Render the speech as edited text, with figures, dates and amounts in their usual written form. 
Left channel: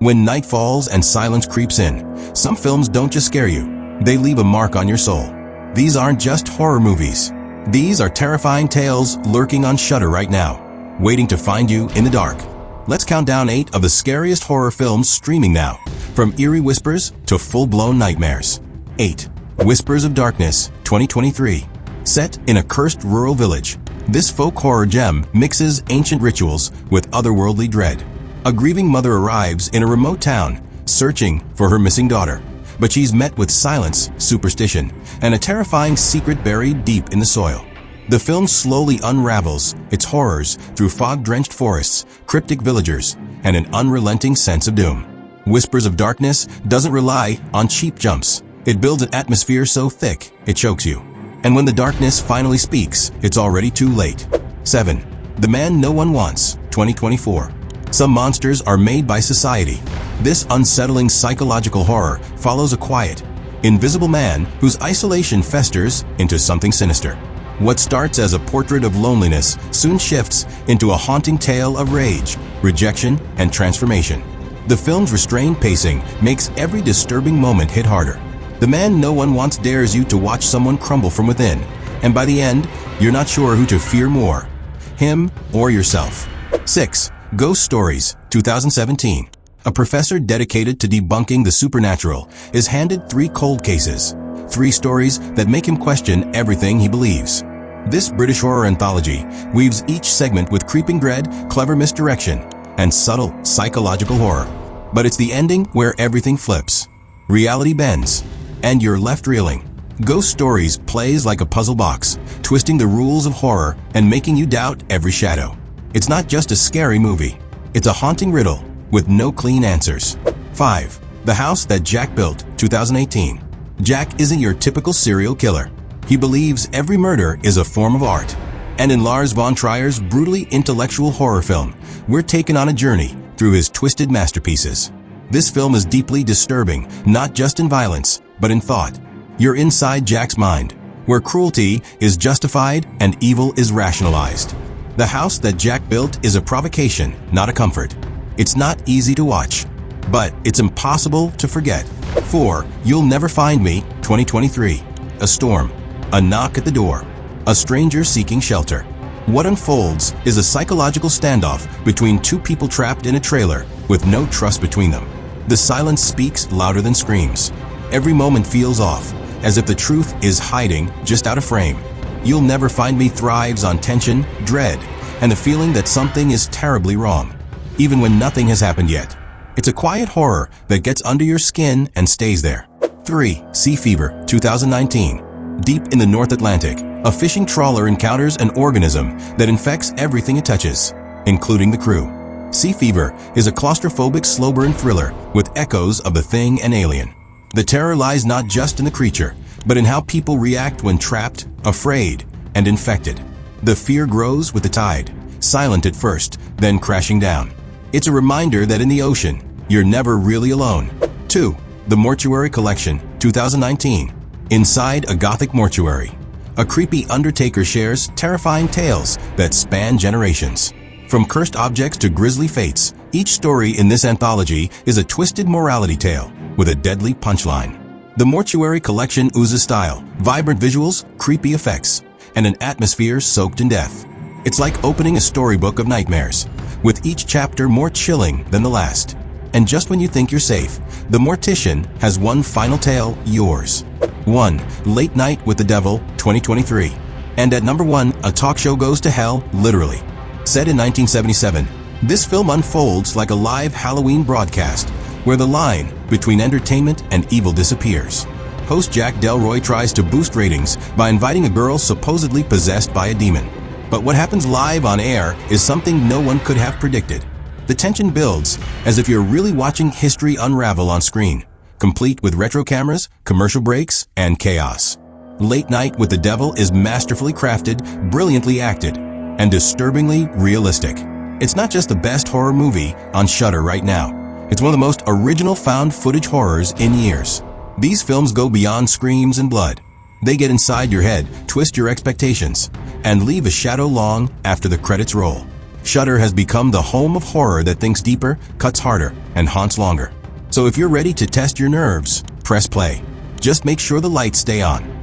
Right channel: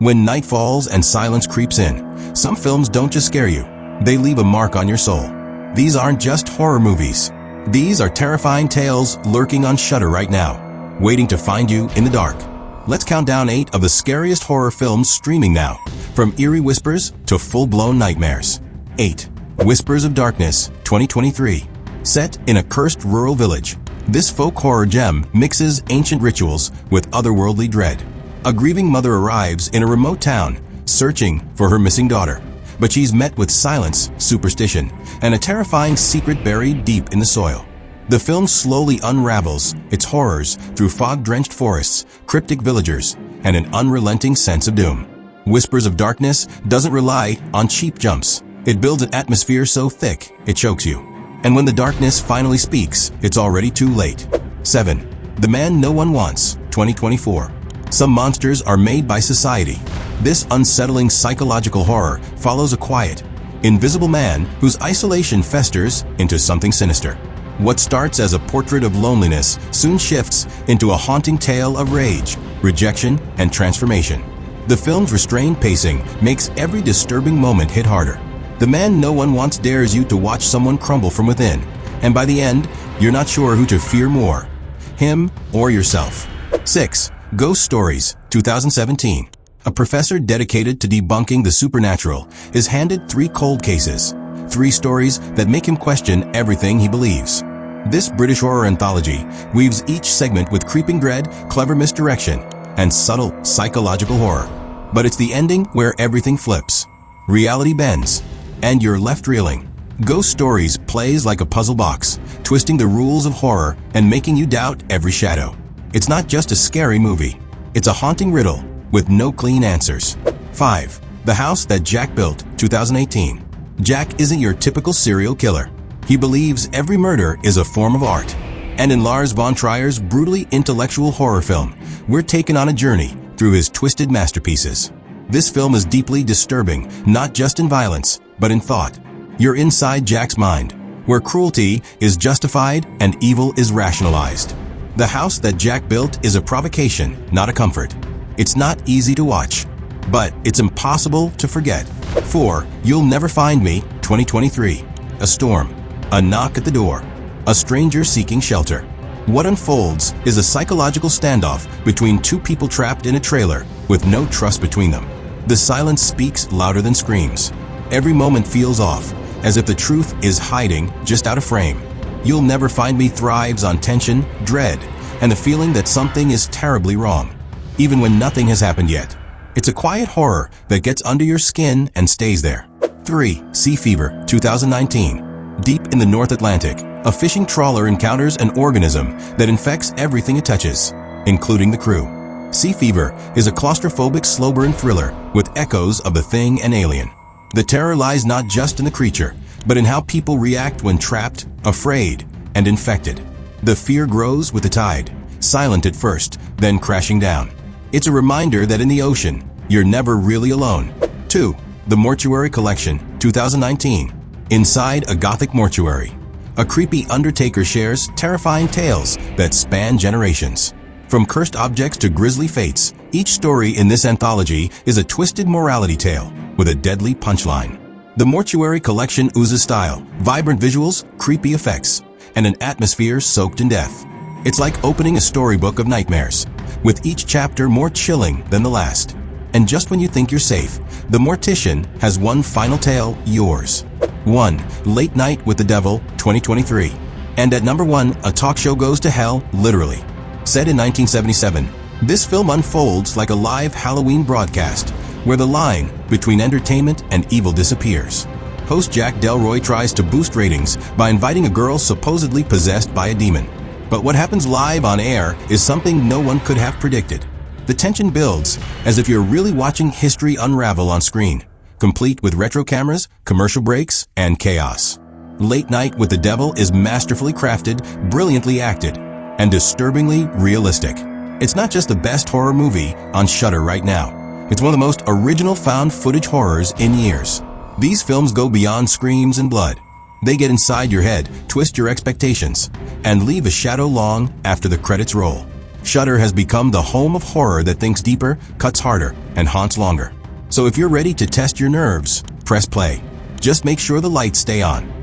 When night falls and silence creeps in, some films don't just scare you, they leave a mark on your soul. These aren't just horror movies. These are terrifying tales lurking on Shudder right now, waiting to find you in the dark. Let's count down 8 of the scariest horror films streaming now, from eerie whispers to full-blown nightmares. 8. Whispers of Darkness, 2023. Set in a cursed rural village, this folk horror gem mixes ancient rituals with otherworldly dread. A grieving mother arrives in a remote town, searching for her missing daughter. But she's met with silence, superstition, and a terrifying secret buried deep in the soil. The film slowly unravels its horrors through fog-drenched forests, cryptic villagers, and an unrelenting sense of doom. Whispers of Darkness doesn't rely on cheap jumps. It builds an atmosphere so thick, it chokes you. And when the darkness finally speaks, it's already too late. 7. The Man No One Wants, 2024. Some monsters are made by society. This unsettling psychological horror follows a quiet, invisible man whose isolation festers into something sinister. What starts as a portrait of loneliness soon shifts into a haunting tale of rage, rejection, and transformation. The film's restrained pacing makes every disturbing moment hit harder. The Man No One Wants dares you to watch someone crumble from within, and by the end, you're not sure who to fear more, him or yourself. 6. Ghost Stories, 2017. A professor dedicated to debunking the supernatural is handed 3 cold cases, 3 stories that make him question everything he believes. This British horror anthology weaves each segment with creeping dread, clever misdirection, and subtle psychological horror. But it's the ending where everything flips. Reality bends, and you're left reeling. Ghost Stories plays like a puzzle box, twisting the rules of horror and making you doubt every shadow. It's not just a scary movie. It's a haunting riddle with no clean answers. 5. The House That Jack Built, 2018. Jack isn't your typical serial killer. He believes every murder is a form of art. And in Lars von Trier's brutally intellectual horror film, we're taken on a journey through his twisted masterpieces. This film is deeply disturbing, not just in violence, but in thought. You're inside Jack's mind, where cruelty is justified and evil is rationalized. The House That Jack Built is a provocation, not a comfort. It's not easy to watch, but it's impossible to forget. 4. You'll Never Find Me, 2023. A storm, a knock at the door, a stranger seeking shelter. What unfolds is a psychological standoff between 2 people trapped in a trailer with no trust between them. The silence speaks louder than screams. Every moment feels off, as if the truth is hiding just out of frame. You'll Never Find Me thrives on tension, dread, and the feeling that something is terribly wrong, even when nothing has happened yet. It's a quiet horror that gets under your skin and stays there. 3. Sea Fever, 2019. Deep in the North Atlantic, a fishing trawler encounters an organism that infects everything it touches, including the crew. Sea Fever is a claustrophobic slow burn thriller with echoes of The Thing and Alien. The terror lies not just in the creature, but in how people react when trapped, afraid, and infected. The fear grows with the tide, silent at first, then crashing down. It's a reminder that in the ocean, you're never really alone. 2. The Mortuary Collection, 2019. Inside a Gothic mortuary, a creepy undertaker shares terrifying tales that span generations. From cursed objects to grisly fates, each story in this anthology is a twisted morality tale with a deadly punchline. The Mortuary Collection oozes style, vibrant visuals, creepy effects, and an atmosphere soaked in death. It's like opening a storybook of nightmares, with each chapter more chilling than the last. And just when you think you're safe, the Mortician has one final tale, yours. 1. Late Night with the Devil, 2023. And at number 1, a talk show goes to hell, literally. Set in 1977, this film unfolds like a live Halloween broadcast, where the line between entertainment and evil disappears. Host Jack Delroy tries to boost ratings by inviting a girl supposedly possessed by a demon. But what happens live on air is something no one could have predicted. The tension builds as if you're really watching history unravel on screen, complete with retro cameras, commercial breaks, and chaos. Late Night with the Devil is masterfully crafted, brilliantly acted, and disturbingly realistic. It's not just the best horror movie on Shudder right now. It's one of the most original found footage horrors in years. These films go beyond screams and blood. They get inside your head, twist your expectations, and leave a shadow long after the credits roll. Shudder has become the home of horror that thinks deeper, cuts harder, and haunts longer. So if you're ready to test your nerves, press play. Just make sure the lights stay on.